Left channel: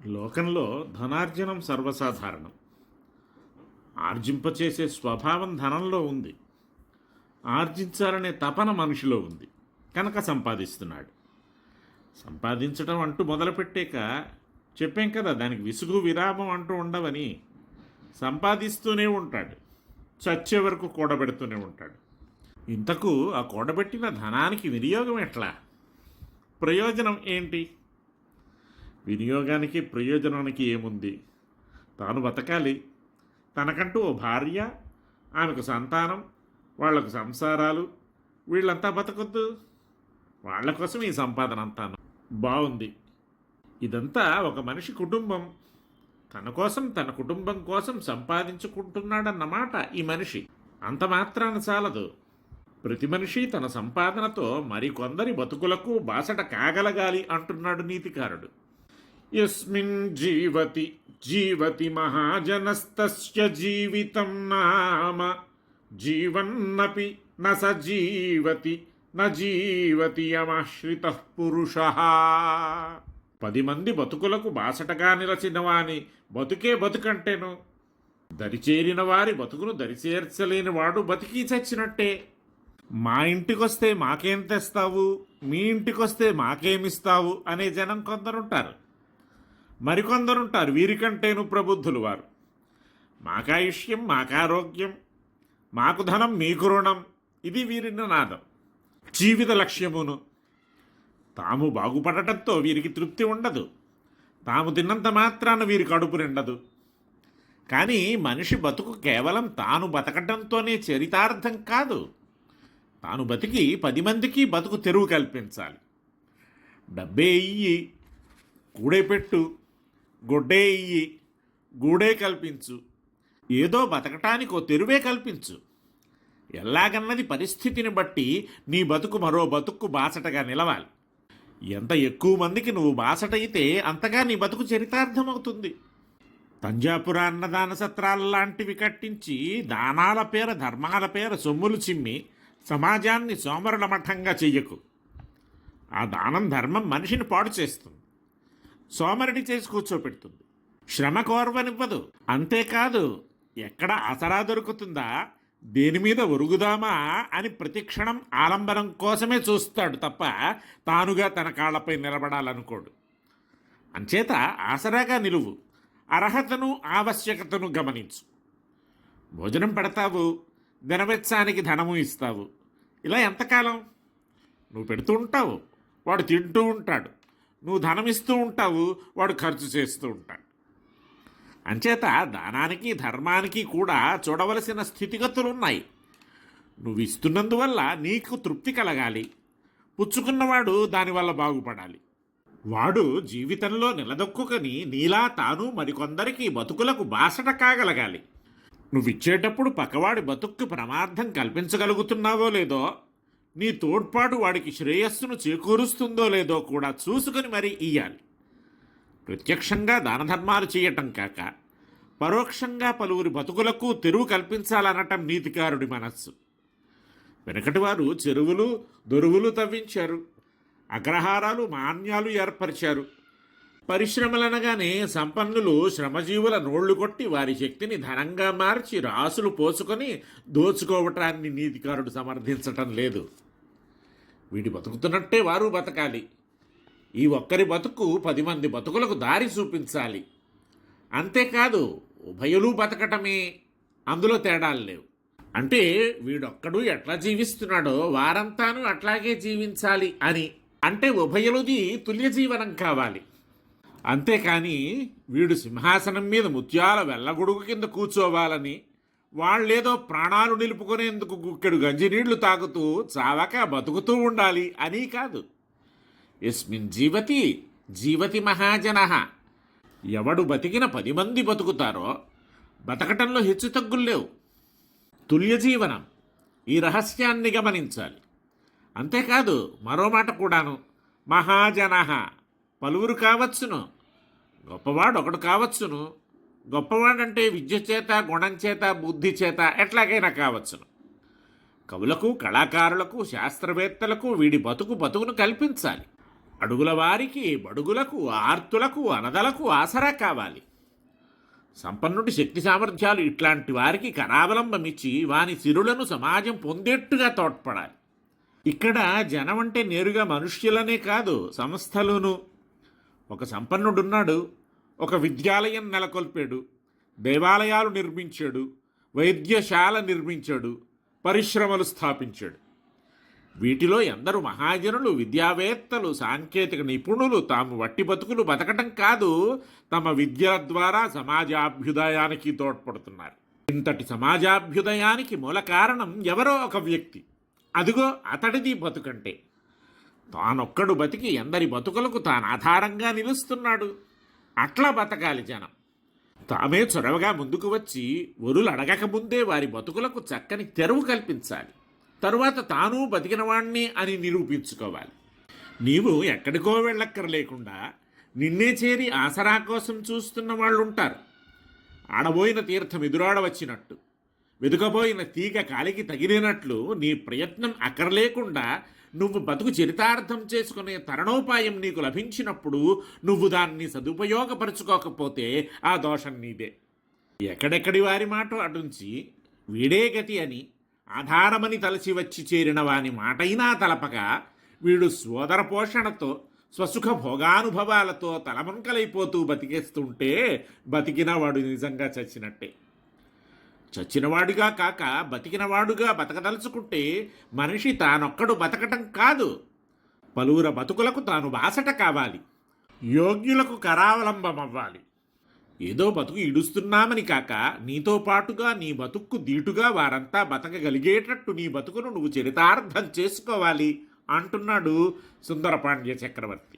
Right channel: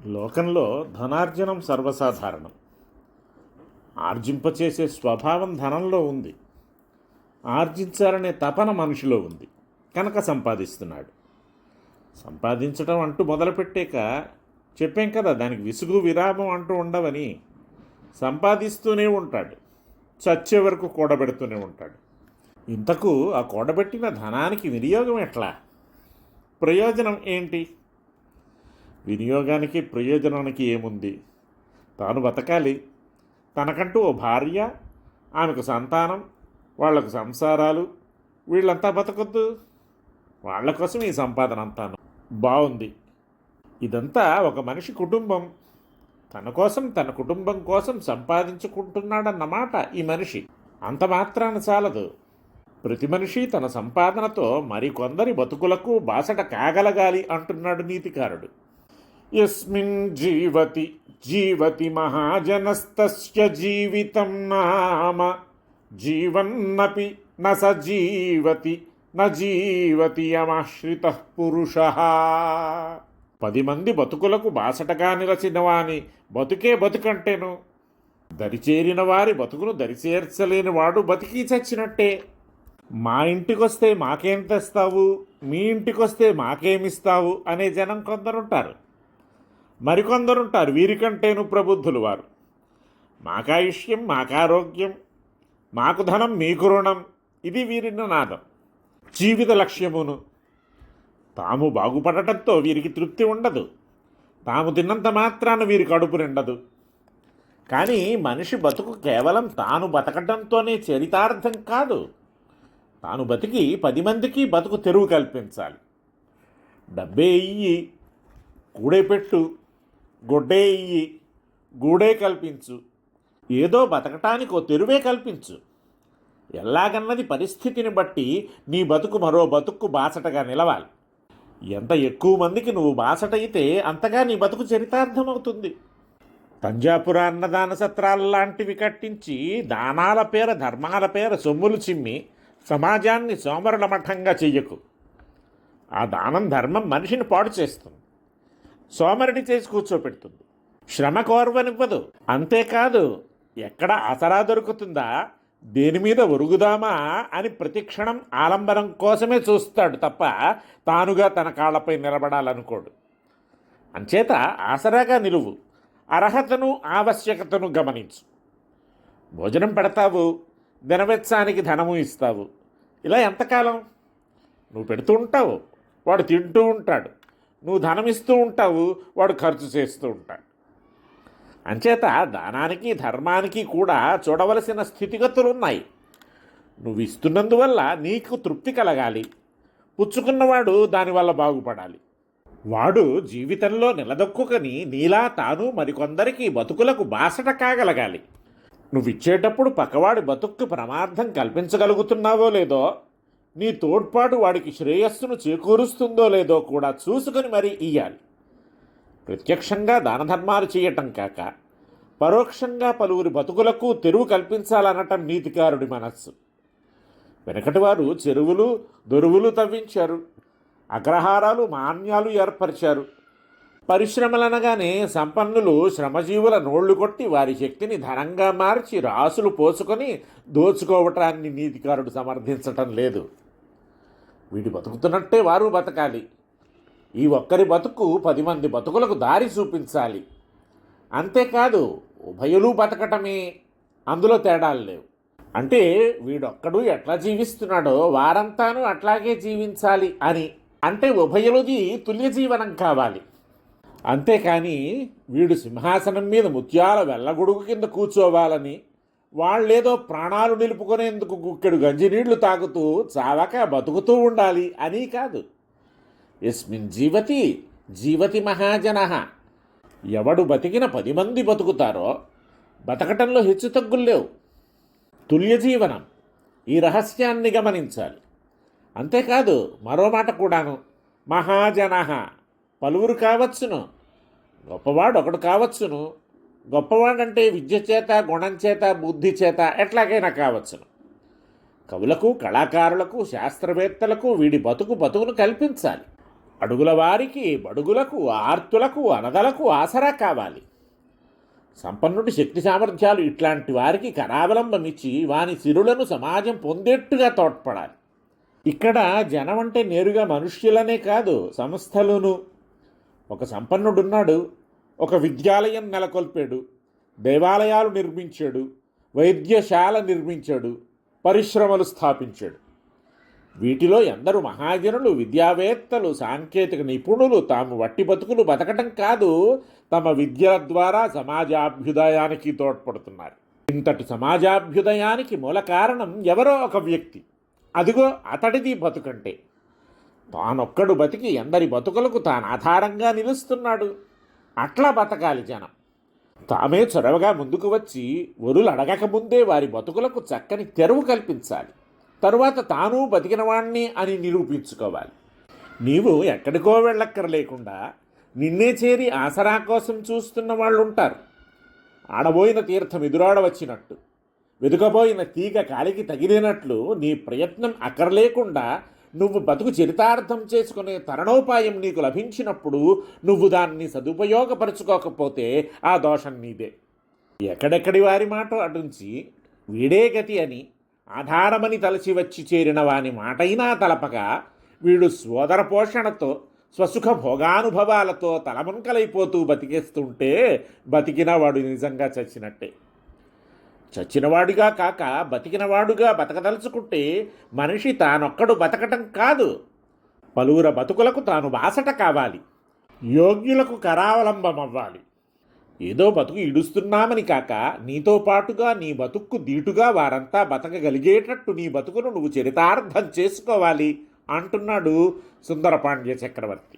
లోకంలో ధనార్జనం సర్వసాధారణం. ఆర్జింపచేసే స్వభావం ధనంలో ఉంది. ఆర్జించాలనే తపన మనిషిలో ఉంది కనుక సంపాదిస్తున్నాడు. సంపాదించడం అంటూ మొదలుపెట్టాక చెప్పాం కదా, దానికి విసుగు విరామం అంటూ ఉండవని. సంపాదిస్తూనే ఉంటాడు, చచ్చే వరకు కూడబెడుతూనే ఉంటాడు. ఇంతకు ఆ కూడబెట్టిన ధనానికి వినియోగం ఎట్లా? ప్రయోజనం ఏంటి? వినియోగానికి ప్రయోజనానికి ఏముంది? తాను బతకాలి, తనకంటూ ఓ భార్య, ఆమెకు సంతానం, వాళ్లకు సంసారాలు, వీళ్ళంతా బతకొద్దు? వాళ్ళ కోసం ఈ సంపాదన అంతాను. బాగుంది. ఇదంతా ఒక మనిషి కుటుంబం. తన కోసం, తన కుటుంబం కోసం సంపాదించుకుంటున్నాడన్నమాట ఈ మనిషి. అంత మాత్రాన చాలదు. ప్రతి మనిషి తన సంపాదనతో మరికొందరి బతుకులకు బాసట కాగలగాలి అంటున్నాడు నీతికారుడు. యస్మిన్ జీవతి జీవతి మహాజనస్తస్య జీవితం నామ జీవన్నపి న స జీవతి న జీవతి యమాశ్రితః పురుషః. 10 మంది బతుకులకు బాసటగా నిలచిన వాని బతుకే బతుకంటేను. దరిచేరిన వారి బతుకును దరిచేర్చలేని వాడు బతికి చచ్చినట్టే. మా ఇంటికొస్తే మాకేం తెస్తావు, మీ ఇంటికొస్తే మాకేమిస్తావు అనే జనం కొందరుంటారు. మరికొందరుంటారు వీరికంటేను ప్రబుద్ధులు వారు. మాకాయుష్యం, మాకారోగ్యం, మాకు ధనం, మీకు రుణం, ఇది వీరి నాదం. జీవిత లక్ష్యమును. తాము బాగుపడటంతో వీరికి తృప్తి ఉండదు. తాము తిన్నంత మాత్రాన వీరి కడుపు నిండదు. కానీ మనిషి బతుకు కేవలం తాను బతకటంతోనే చరితార్థం కాదు. తాను బతికి 10 మందికి బతుకు తెరువు కల్పించాలి. డబ్బే ఇయ్యి, కూడే పెట్టు, గొడ్డే ఇయ్యి, గూడే కల్పించు, ఏదో బతకటానికి ఓ తెరువే కల్పించు. ఎలాగన్నది పరిస్థితిని బట్టి నీ బతుకు మరో బతుక్కు బాసటగా నిలవాలి. ఎంత ఎక్కువ మందికి నువ్వు బాసట అయితే అంతగా నీ బతుకు చరితార్థమవుతుంది. తంజాపుర అన్నదాన సత్రాల్లాంటివి కట్టించి దానాల పేర, ధర్మాల పేర సొమ్ములు చిమ్మి సమాజాన్ని సోమరుల మఠంగా చెయ్యకు. ఆ దానం, ధర్మం మనిషిని పాడు చేస్తుంది, సోమరుడి చేసి కూర్చోపెడుతుంది, శ్రమ కోరవనివ్వదు. అంతేకాదు, ఎక్కడ ఆసరా దొరుకుతుందా, దేని మీద ఒరుగుదామా అని ప్రతిక్షణం ఆలంబనం కోసమే చూస్తాడు తప్ప తానుగా తన కాళ్ళపై నిలబడాలనుకోడు. అంచేత ఆసరాగా నిలువు, అర్హతను ఆవశ్యకతను గమనించు. భోజనం పెడతావు, దినవెచ్చానికి ధనము ఇస్తావు. ఇలా ఎంతకాలం? నువ్వు పెడుతూ ఉంటావు, వాడు తింటూ ఉంటాడు. నువ్వు ధనమిస్తూ ఉంటావు, వాడు ఖర్చు చేస్తూ ఉంటాడు. అంచేత దానానికి, ధర్మానికి కూడా చూడవలసిన స్థితిగతులున్నాయి. నువ్వు ఇస్తున్నందువల్ల నీకు తృప్తి కలగాలి, పుచ్చుకున్నవాడు దానివల్ల బాగుపడాలి. వాడు జీవితంలో నిలదొక్కుని నీలా తాను మరికొందరికి బతుకులకు బాసట కాగలగాలి. నువ్విచ్చేటప్పుడు పక్కవాడి బతుక్కు ప్రమాదం కల్పించగలుగుతున్నావో లేదో, నీ తోడ్పాటు వాడికి శ్రేయస్సును చేకూరుస్తుందో లేదో కూడా చూసుకొని మరీ ఇయ్యాలి. ప్రత్యక్షంగా దానధర్మాలు చేయటం కాక పరోక్షంగా పలువురి బతుకులకు తెరువు కల్పించాలనటం నీతికారుడి మనస్సు. వెనకటి వారు చెరువులు, దొరువులు తవ్వించారు, అగ్రహారాలు, మాన్యాలు ఏర్పరిచారు. పరిశ్రమలనగానే సంపన్నులు శ్రమజీవుల నోళ్లు కొట్టి వారి శక్తిని ధనంగా మార్చి రాసులు పోసుకొని దోచుకోవటాన్ని నీతికారుడు సమర్థించటం లేదు. వీడి బతుకుతున్నట్టే వారు బతకాలి. ఈ ఒక్కరి బతుకు 10 మంది బతుకులకు దారి చూపించాలి. అంతేకాదు, ఉభయులు బతకటమే, అందులో తేడాలు లేవు. అంటే వీడొక్కడు ఎట్లా జీవిస్తున్నాడో వారంతాను అట్లాగే జీవించాలి అని. అంటే ఉభయులది తుల్య జీవనం కావాలి. అంతేకాని వీడు సింహాసనం మీద ముత్యాల వెళ్ళగొడుగు కింద కూర్చోవాలని, వాళ్ళేదో ప్రాణాలు నిలుపుకునేందుకు గుక్కెడు గంజినీళ్లు తాగుతూ చావక బతుకుతూ ఉండాలి అని కాదు. యస్మిన్ జీవతి జీవతి మహాజనః. ఎవడు బతికిన 10 మంది బతుకుతారో బతకటంలో హెచ్చుతగ్గులు లేవు. తుల్య జీవనం. ఈ రహస్యాన్ని గమనించాలి. అంతేకాదు, మరో మాట కూడాను, మహాజనః. పలువురు కావచ్చును, గొప్పవాడు ఒకడు కావచ్చును. గొప్పవాడంటే విద్య చేత, గుణం చేత, బుద్ధి చేత ఎట్లాగైనా కావచ్చును. కవులకు, కళాకారులకు, శాస్త్రవేత్తలకు వీడి బతుకును కల్పించాలి. అడుగుల వారికి, బడుగులకు, ఆర్తులకు, అనదలకు ఆసరా కావాలి. సంపన్నుడి శక్తి సామర్థ్యాలు ఇట్లాంటి వారికి కరావలంబమిచ్చి వాని సిరులను సమాజం పొందేట్టుగా తోడ్పడాలి. ఇక్కడ జనం అంటే నేరుగా మనుష్యులనే కాదు, సంస్థలును. ఒక సంపన్నుడున్నాడు, ఒక విద్యాలయం నెలకొల్పాడు, దేవాలయాలు నిర్మించాడు, వైద్యశాల నిర్మించాడు, పరిశ్రమలు స్థాపించాడు. వీటిలో ఎందరు మహాజనులు, విద్యావేత్తలు, సాంకేతిక నిపుణులు తాము వట్టి బతుకులు బతకటం కాదు, తమ విద్యల ద్వారా సమాజాభ్యుదయానికి తోడ్పడుతున్నారు. ఇంతటి సమాజాభ్యుదయానికి మూల కారణం ఎవరో ఒక వ్యక్తి. అదిగో అతడిది బతుకంటే. తానొక్కడు బతికి ఎందరి బతుకులకు తాను ఆధారంగా నిలుస్తున్నాడు. అట్లా బతకాలి జనం. తామే చొరవగా ముందుకు వచ్చి వరులు అడగకముందే వారి బతుకులకు చక్కని తెరువు కల్పించాలి. తరువాత తాను బతికినవాణ్ణి అని నిరూపించుకోవాలి. నీవు ఎక్కడికో వెళ్ళక్కర్లేకుండా నిన్నే చేరి ఆసరా కోసం చూస్తున్న వాళ్ళు ఉంటారు. ఆడబోయిన తీర్థం ఎదురాడవచ్చినట్టు, వెతుకబోయిన తీగ కాలికి తగిలినట్లు నీ ప్రయత్నం అక్కర్లేకుండా నువ్వు బతుకు చరితార్థం చేసుకునే తరుణోపాయం నీకు లభించినప్పుడు నువ్వు దాన్ని సదుపయోగపరుచుకోకపోతే ఆ దోషం నీదే. ఎక్కడెక్కడి వారి మాట అటుంచి వీడే గతి అని ఆధారమని తలచి వచ్చి చేరిన వాని మాటైనా తలపగా వీడు సోదర పోషణతో స్వసుఖ భోగానుభవాలతో తలమునకలైపోతూ బతికేస్తుంటే బతికిన వాడు నిజంగా చచ్చినట్టే. చచ్చినవాడుగా కాక బతికినవాడుగా బతకదలుచుకుంటే మనిషి తానొక్కడు బతకటం కాదు, పలువుర బతుకులకు తాను బాసట కావాలి, యోగ్యులకు కరావలంబమవ్వాలి. ఏదో బతుకు ఇడుస్తున్నామని కాక నీతో పాటుగా నీ బతుక్కు దీటుగా వారంతా బతకగలిగేటట్టు నీ బతుకును నువ్వు చరితార్థం చేసుకోవాలి అంటున్నాడు సుందరపాండ్య చక్రవర్తి.